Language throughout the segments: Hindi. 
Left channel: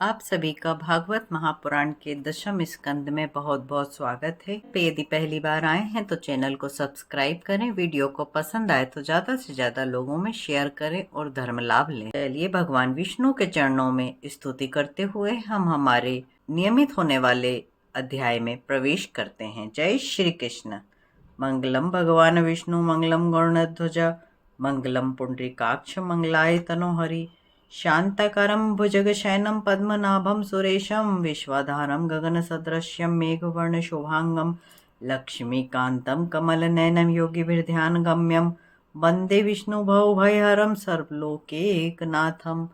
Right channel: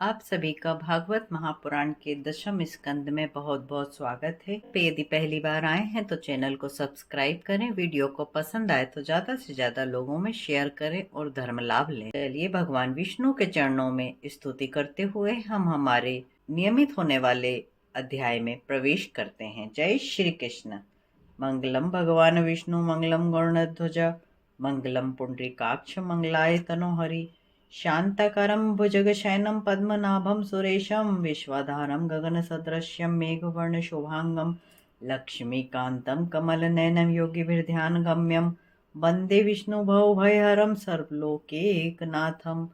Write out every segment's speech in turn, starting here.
आप सभी का भागवत महापुराण के दशम स्कंद में बहुत बहुत स्वागत है। यदि पहली बार आए हैं तो चैनल को सब्सक्राइब करें, वीडियो को पसंद आए तो ज्यादा से ज्यादा लोगों में शेयर करें और धर्म लाभ लें। चलिए भगवान विष्णु के चरणों में स्तुति करते हुए हम हमारे नियमित होने वाले अध्याय में प्रवेश करते हैं। जय श्री कृष्ण। मंगलम भगवान विष्णु मंगलम गरुड़ध्वज मंगलम पुंडरीकाक्ष मंगलाय तनोहरि शांताकारं भुजगशयनं पद्मनाभं सुरेशं विश्वाधारं गगनसदृशं मेघवर्णशोभांगं लक्ष्मीकान्तं कमलनयनं योगिभिर्ध्यानगम्यं वन्दे विष्णुभवभयहरं सर्वलोकैकनाथं।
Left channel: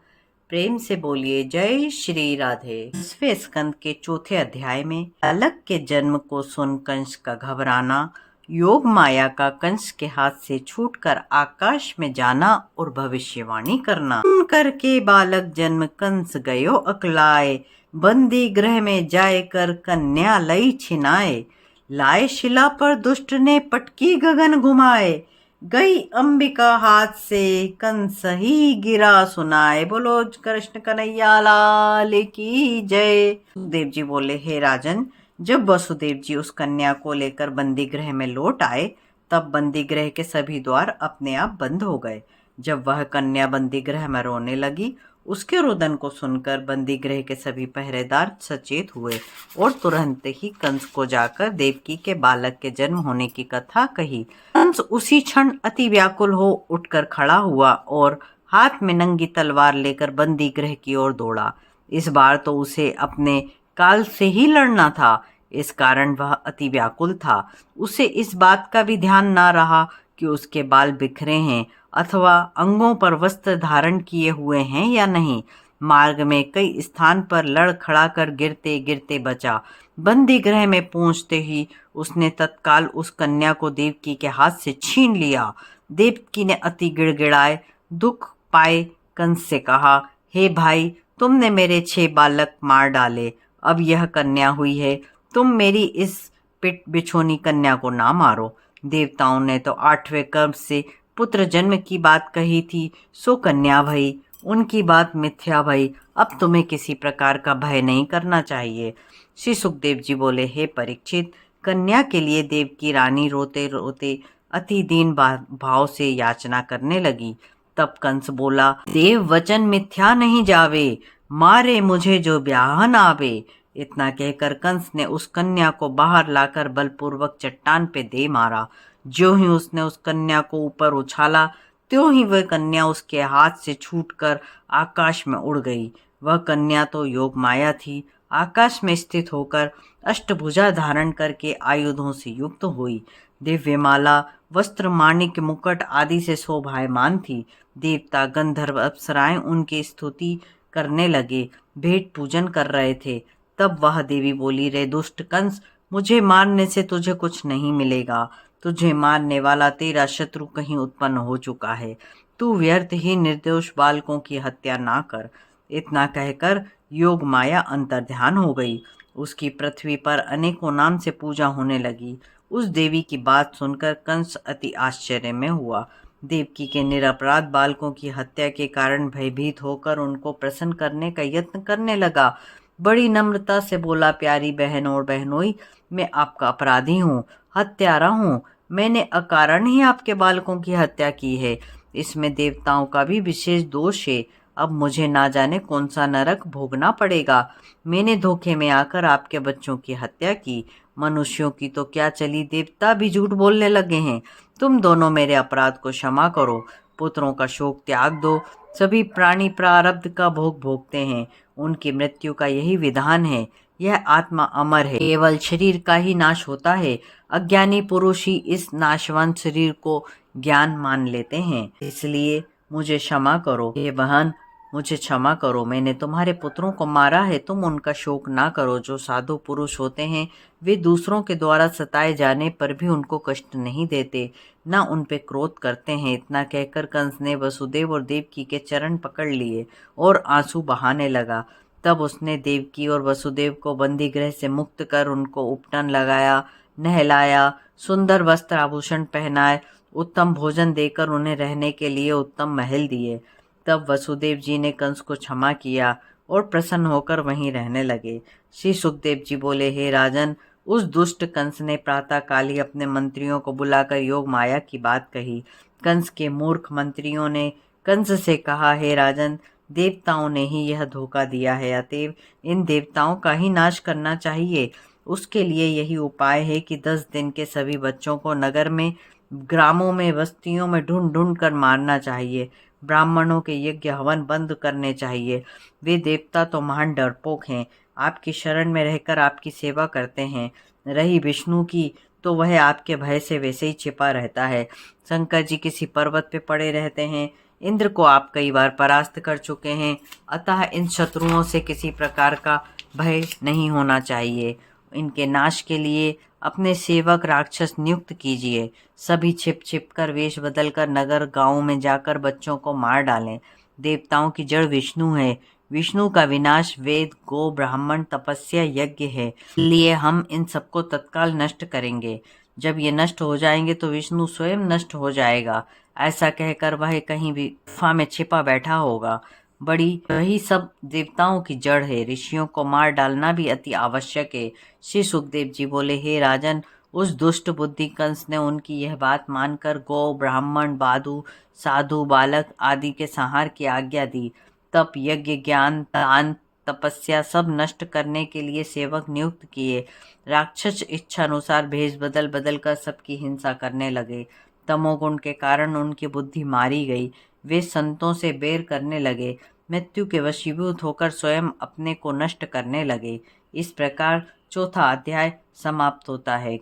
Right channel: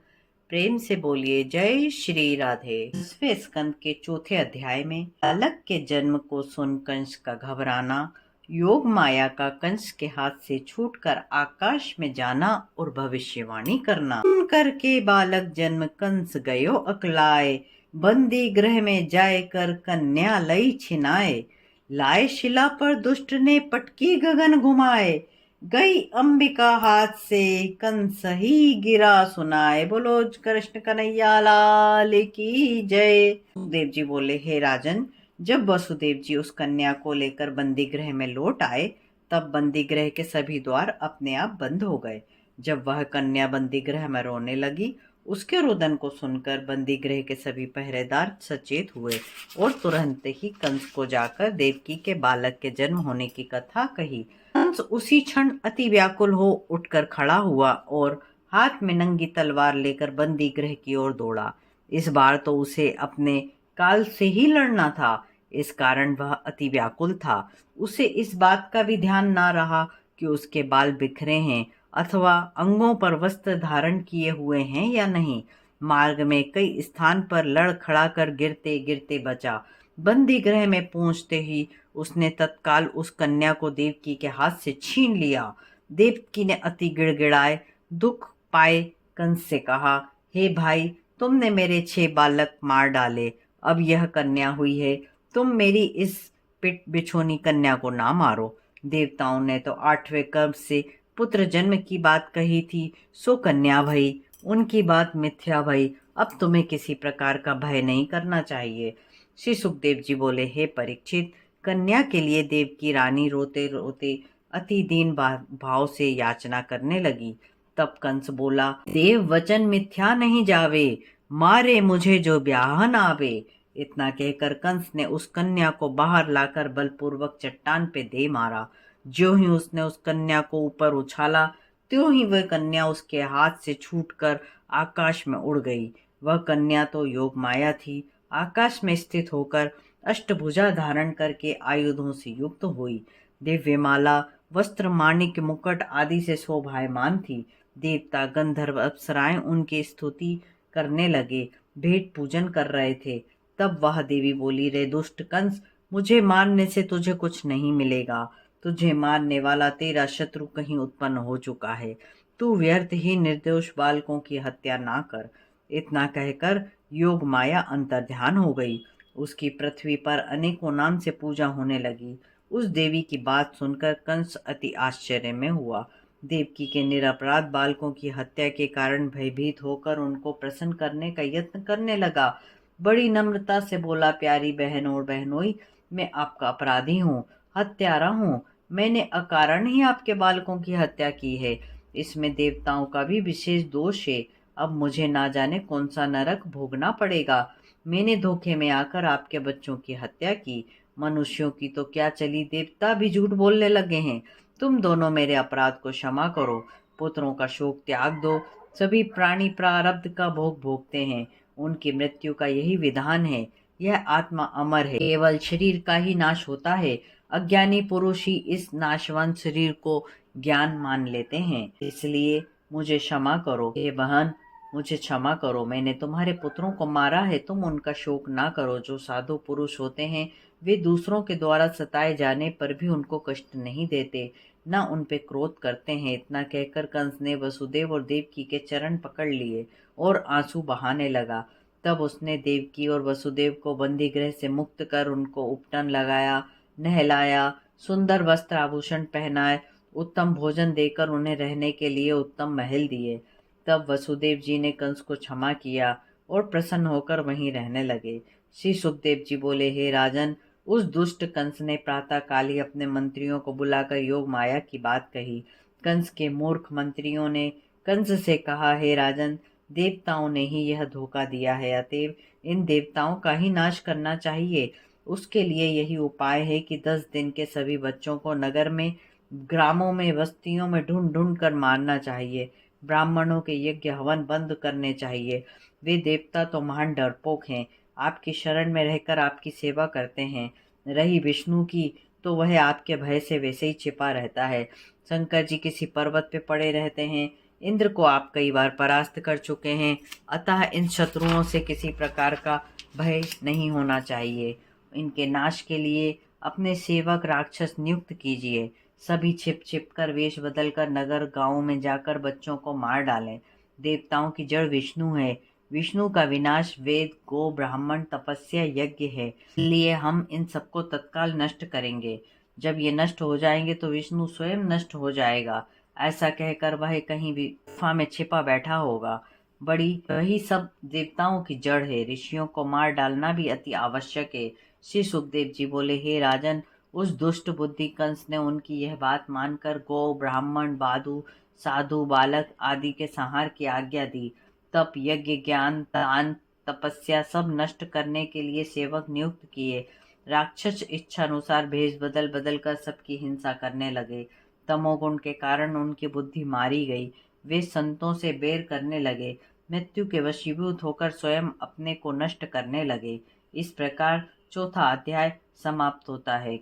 प्रेम से बोलिए जय श्री राधे। 10वें स्कंद के चौथे अध्याय में बालक के जन्म को सुन कंस का घबराना, योग माया का कंस के हाथ से छूटकर आकाश में जाना और भविष्यवाणी करना। करके बालक जन्म कंस गयो अकलाए, बंदी गृह में जाए कर कन्या लई छिनाए। लाए शिला पर दुष्ट ने पटकी गगन घुमाए, गई अंबिका हाथ से कंस ही गिरा सुनाए। बोलो कृष्ण कन्हैया लाल की जय। देव जी बोले, हे राजन, जब वसुदेव जी उस कन्या को लेकर बंदी गृह में लौट आए तब बंदी गृह के सभी द्वार अपने आप बंद हो गए। जब वह कन्या बंदी गृह में रोने लगी, उसके रुदन को सुनकर बंदी गृह के सभी पहरेदार सचेत हुए और तुरंत ही कंस को जाकर देवकी के बालक के जन्म होने की कथा कही। कंस उसी क्षण अति व्याकुल हो उठकर खड़ा हुआ और हाथ में नंगी तलवार लेकर बंदी गृह की ओर दौड़ा। इस बार तो उसे अपने काल से ही लड़ना था, इस कारण वह अति व्याकुल था। उसे इस बात का भी ध्यान न रहा कि उसके बाल बिखरे हैं अथवा अंगों पर वस्त्र धारण किए हुए हैं या नहीं। मार्ग में कई स्थान पर लड़ खड़ा कर गिरते गिरते बचा। बंदी गृह में पहुंचते ही उसने तत्काल उस कन्या को देवकी के हाथ से छीन लिया। देवकी ने अति गिड़गिड़ाए दुख पाए कंस से कहा, हे भाई, तुमने मेरे 6 बालक मार डाले, अब यह कन्या हुई है, तुम मेरी इस पिट बिछोनी कन्या को ना मारो। देवताओं ने तो 8वें कर्म से पुत्र जन्म की बात कही थी, सो कन्या भई, उनकी बात मिथ्या भई। अब तुम्हें किसी प्रकार का भय नहीं करना चाहिए। श्री सुखदेव जी बोले, हे परीक्षित, कन्या के लिए देव की रानी रोते रोते अति दीन भाव से याचना करने लगी। तब कंस बोला, देव वचन मिथ्या नहीं जावे, मारे मुझे जो ब्याहन आवे। इतना कहकर कंस ने उस कन्या को बाहर लाकर बलपूर्वक चट्टान पे दे मारा। ज्यों ही उसने उस कन्या को ऊपर उछाला, त्यों ही वह कन्या उसके हाथ से छूटकर आकाश में उड़ गई। वह कन्या तो योग माया थी, आकाश में स्थित होकर अष्टभुजा धारण करके आयुधों से युक्त हुई। दिव्यमाला, वस्त्र, माणिक, मुकुट आदि से शोभायमान थी। देवता, गंधर्व, अप्सराएं उनकी स्तुति करने लगे, भेंट पूजन कर रहे थे। तब वह देवी बोली, रे दुष्ट कंस, मुझे मारने से तुझे कुछ नहीं मिलेगा। तुझे मारने वाला तेरा शत्रु कहीं उत्पन्न हो चुका है। तू व्यर्थ ही निर्दोष बालकों की हत्या ना कर। इतना कहकर योग माया अंतर्ध्यान हो गई। उसकी पृथ्वी पर अनेकों नाम से पूजा होने लगी। उस देवी की बात सुनकर कंस अति आश्चर्य में हुआ। देवकी के निरपराध बालकों की हत्या के कारण भयभीत होकर उनको प्रसन्न करने का यत्न करने लगा। बड़ी नम्रता से बोला, प्यारी बहन और बहनोई, मैं आपका अपराधी हूँ, हत्यारा हूँ। मैंने अकारण ही आपके बालकों की हत्या की है। इसमें देवताओं का भी विशेष दोष है। अब मुझे ना जाने कौन सा नरक भोगना पड़ेगा। मैंने धोखे में आकर आपके बच्चों की हत्या की। मनुष्यों की तो क्या चली, देवता भी झूठ बोलने लगे हैं। तुम दोनों मेरे अपराध को क्षमा करो, पुत्रों का शोक त्याग दो। सभी प्राणी प्रारब्ध का भोग भोगते हैं, उनकी मृत्यु का यही विधान है। यह आत्मा अमर है, केवल शरीर का ही नाश होता है। अज्ञानी पुरुष ही इस नाशवंत शरीर को ज्ञान मान लेते हैं। इसलिए मुझे क्षमा करो, हे बहन, मुझे क्षमा करो। मैंने तुम्हारे पुत्रों को मारा है, तुम उनका शोक ना करो। जो साधु पुरुष होते हैं वे दूसरों के द्वारा सताए जाने पर भी उनको कष्ट नहीं देते, ना उन पे क्रोध करते हैं। इतना कहकर कंस ने वसुदेव और देवकी के चरण पकड़ लिए और आंसू बहाने लगा। तब उसने देवकी और वसुदेव को बंदी गृह से मुक्त कर उनको उपटन लगाया, नहलाया, सुंदर वस्त्र आभूषण पहनाए, उत्तम भोजन देकर उन्हें रहने के लिए उत्तम महल दिए। तब वसुदेव जी ने कंस को क्षमा किया और प्रसन्न होकर वहीं रहने लगे। श्री सुखदेव जी बोले, हे राजन, उस दुष्ट कंस ने प्रातःकाल ही अपने मंत्रियों को बुलाकर योग माया की बात कही। कंस के मूर्ख मंत्रियों ने कंस से कहा, हे राजन, देवताओं ने ही यह धोखा दिया है, अतएव इन देवताओं का ही नाश करना चाहिए। उसके लिए यही उपाय है कि 10 दिन के सभी बच्चों को नगर में, ग्रामों में, बस्तियों में ढूंढ ढूंढ कर मारना चाहिए। ब्राह्मणों के यज्ञ हवन बंद करने चाहिए। वे देवता तो महान डरपोक हैं, आपकी शरण में रहकर आपकी सेवा करते हैं। रही विष्णु की, तो वह आपके भय से वैसे ही छिपा रहता है। शंकर जी किसी पर्वत पे पड़े रहते हैं। इंद्र को आप कई बार परास्त कर चुके हैं, अतः इन शत्रुओं से किसी प्रकार का भय नहीं होना चाहिए। इनके नाश के लिए अपने सेवक राक्षस नियुक्त कीजिए। सभी छिप छिप कर, वेश बदल कर नगर गांवों में जाकर बच्चों को मार डालें। देवताओं की जड़ विष्णु है। विष्णु का विनाश वेद, गो, ब्राह्मण, तपस्या, यज्ञ है। इसलिए हम इन सबको तत्काल नष्ट करेंगे। जब ये नष्ट हो जाएंगे तो विष्णु स्वयं नष्ट हो जाएगा। ऐसा कहकर वह कहीं भी गुफा में छिपा बैठा होगा। वही सब देवताओं की जड़ है। ऋषियों को मार डालना भी अति आवश्यक है। श्री सुखदेव जी बोले, हे राजन, उस दुष्ट बुद्धि कंस ने उनकी यह बात मानकर गौ, ब्राह्मण, बाधु, साधु, बालक आदि के संहार की आज्ञा दी। तप, यज्ञ, ज्ञान, दान, तपस्या सब नष्ट करने के लिए सेवक नियुक्त किए। राक्षस इच्छा अनुसार भेष बदल बदल कर सबकी हिंसा करने लगे। तमोगुण के कारण उनकी बुद्धि मारी गई। वे संतों से बैर करने लगे। मृत्यु के वशीभूत होकर स्वयं अपने को नष्ट करने लगे। इस प्रकार चौथा अध्याय समाप्त होता है।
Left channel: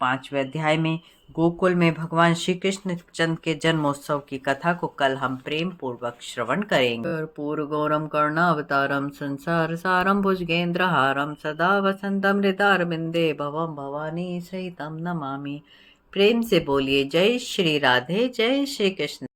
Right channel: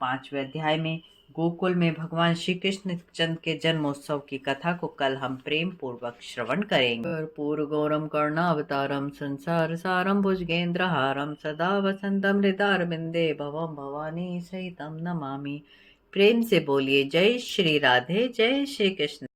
5वें अध्याय में गोकुल में भगवान श्री कृष्ण चंद्र के जन्मोत्सव की कथा को कल हम प्रेम पूर्वक श्रवण करेंगे। कर्पूर गौरम कर्णावतारम संसार सारम भुजगेंद्रहारम सदा वसंतम हृदयारविंदे भवम भवानी सहितम नमामि। प्रेम से बोलिए जय श्री राधे, जय श्री कृष्ण।